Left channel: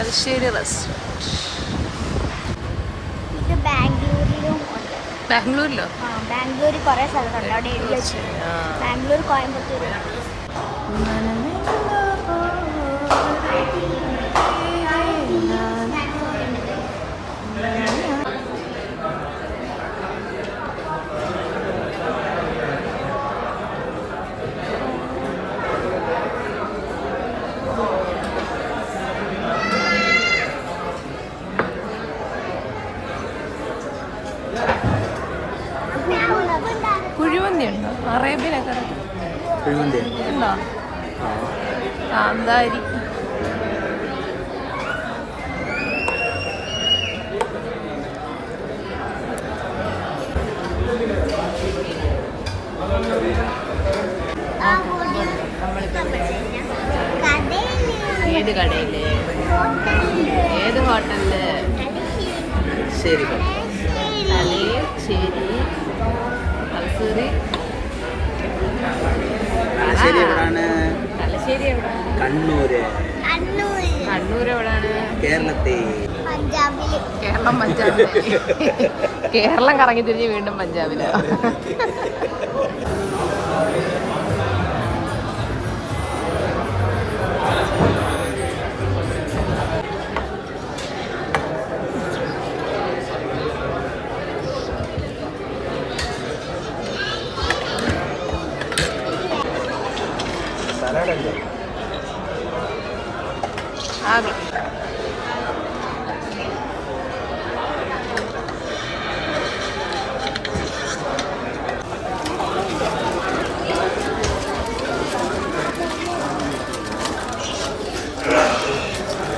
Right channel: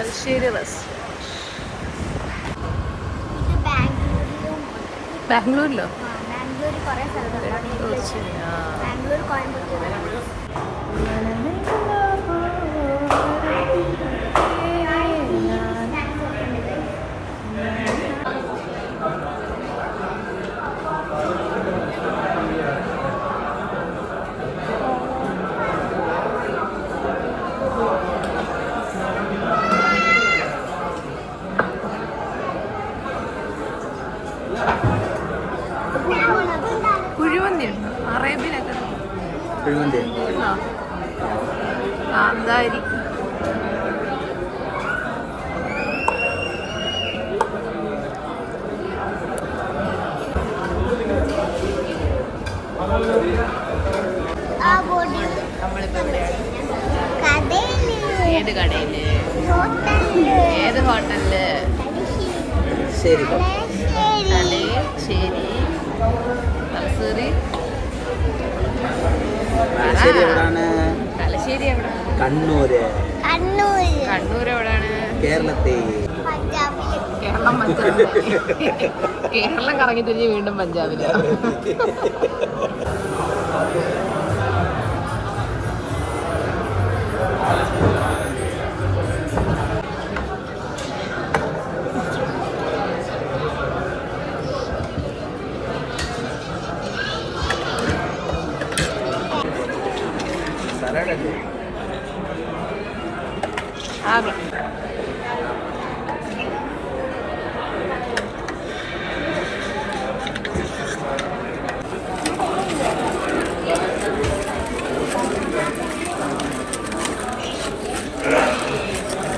Thalassery restaurant ബാംഗ്ലൂരിലും Bangalore കുറേ സ്ഥലങ്ങളുണ്ട്. ബാംഗ്ലൂർ കോയമ്പത്തൂർ കുഴിമന്തി ഉണ്ടോ അറേബ്യനൊക്കെ കുഴിമന്തി ഉണ്ടോ? കാന്താരി ആ ഏത് കടയിൽ. ഏത് ഹോട്ടലിൽ? ശരി. തലേ ശരി. തലശ്ശേരി പറ. തലശ്ശേരി എവിടെ കണ്ണൂര്. കണ്ണൂർ എവിടെയാണ് കേരളത്തിൽ കേരളം പഞ്ചാബിൽ കേരളം കറങ്ങി തിരിഞ്ഞ് വീണ്ടും പഞ്ചാബിൽ. ആകെ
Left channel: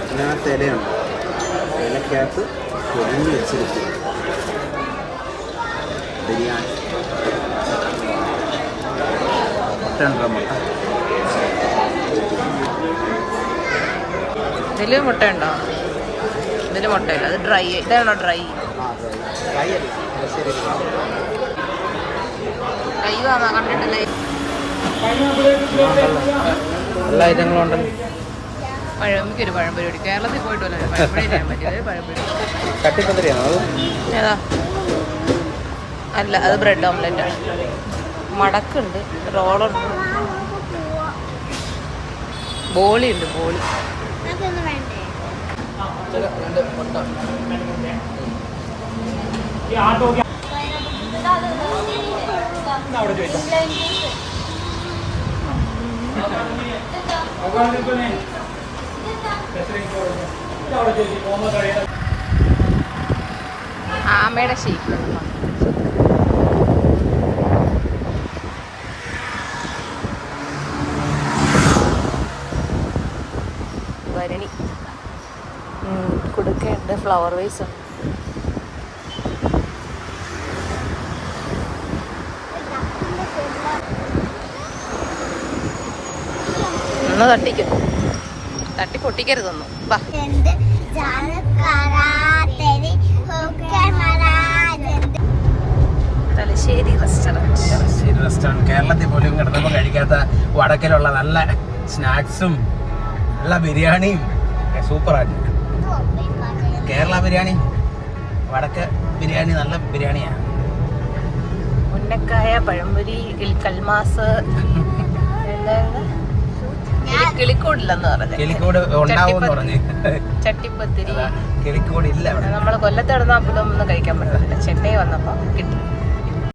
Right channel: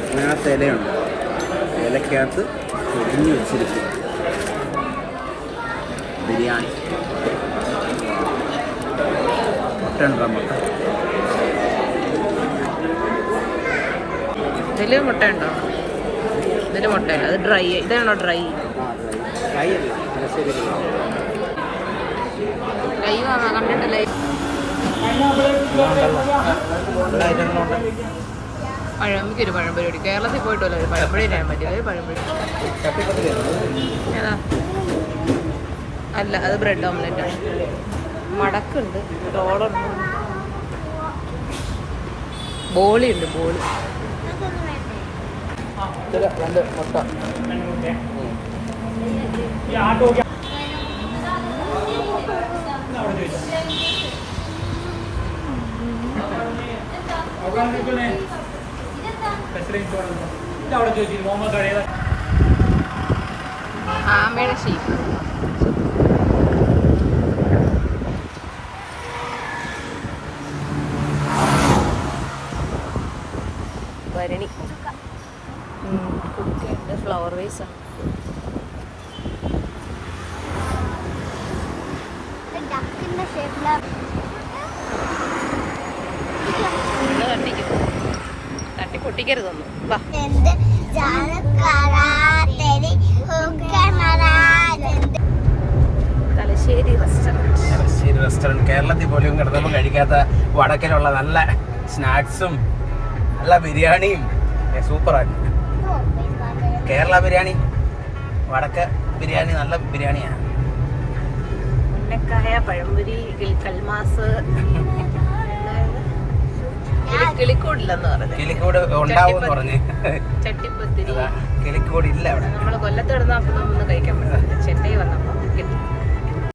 ഇതിനകത്ത് ഇലയുണ്ട് ഇലക്കകത്ത് പൊതിഞ്ഞ് വെച്ചിരിക്കുക ബിരിയാണി. മുട്ട ഉണ്ടോ മുട്ട? ഇതിൽ മുട്ടയുണ്ടോ ഇതിൽ മുട്ടയില്ല. അത് ഡ്രൈ ഇതാണോ ഡ്രൈ ഡ്രൈ വാങ്ങാ. കണ്ടിട്ടില്ലേ? പഴംപൊരി കേരളത്തിൽ പോയിട്ടല്ലോ ഒരു പഴംപൊരി തരാൻ പറ്റില്ല? ഒരു പഴംപൊരി. ഏതാ? അല്ല അത് ബ്രെഡ് ഓംലെറ്റ് ആണ്. മടക്കുണ്ട് റോളുണ്ട്. ബോളി ഉണ്ട് ബോളി. രണ്ട് മുട്ട. ആമയുടെ ഷേപ്പ് ഭരണി. കൊടുക്കുന്നുണ്ട് ഫ്ലവർ വേസ് ഉണ്ട്. ഒന്ന് തട്ടിക്കും. തട്ടി പൊട്ടിക്കരുതൊന്നും. വാ. തലശ്ശേരി റെസ്റ്റോറന്റ് തലശ്ശേരി റെസ്റ്റോറന്റ് കേരളത്തിൽ പോലും കിടന്നൊന്നും കഴിക്കാത്ത വടക്കിലുള്ള നല്ല സ്നാക്സും നല്ല ബിരിയാണിയും. സൂപ്പറായിട്ട് കേരള ബിരിയാണി. വടക്ക ബിരിയാണി നല്ല ബിരിയാണിയാണ്. ഉണ്ടക്കായ പഴംപൊരി കിൽ- കൽമാസ് കിളിക്കൂടില്ലെന്ന് പറഞ്ഞു കിളിക്കോട് ഉണ്ടാവും എന്ന് പറഞ്ഞ് ചട്ടിപ്പത്തിരി. കിളിക്കോട് ഇല്ല നമ്മൾ കൊല്ലത്ത് കിടന്ന കഴിക്കാൻ പറ്റില്ല ചെന്നൈ വന്നപ്പോ കിട്ടി.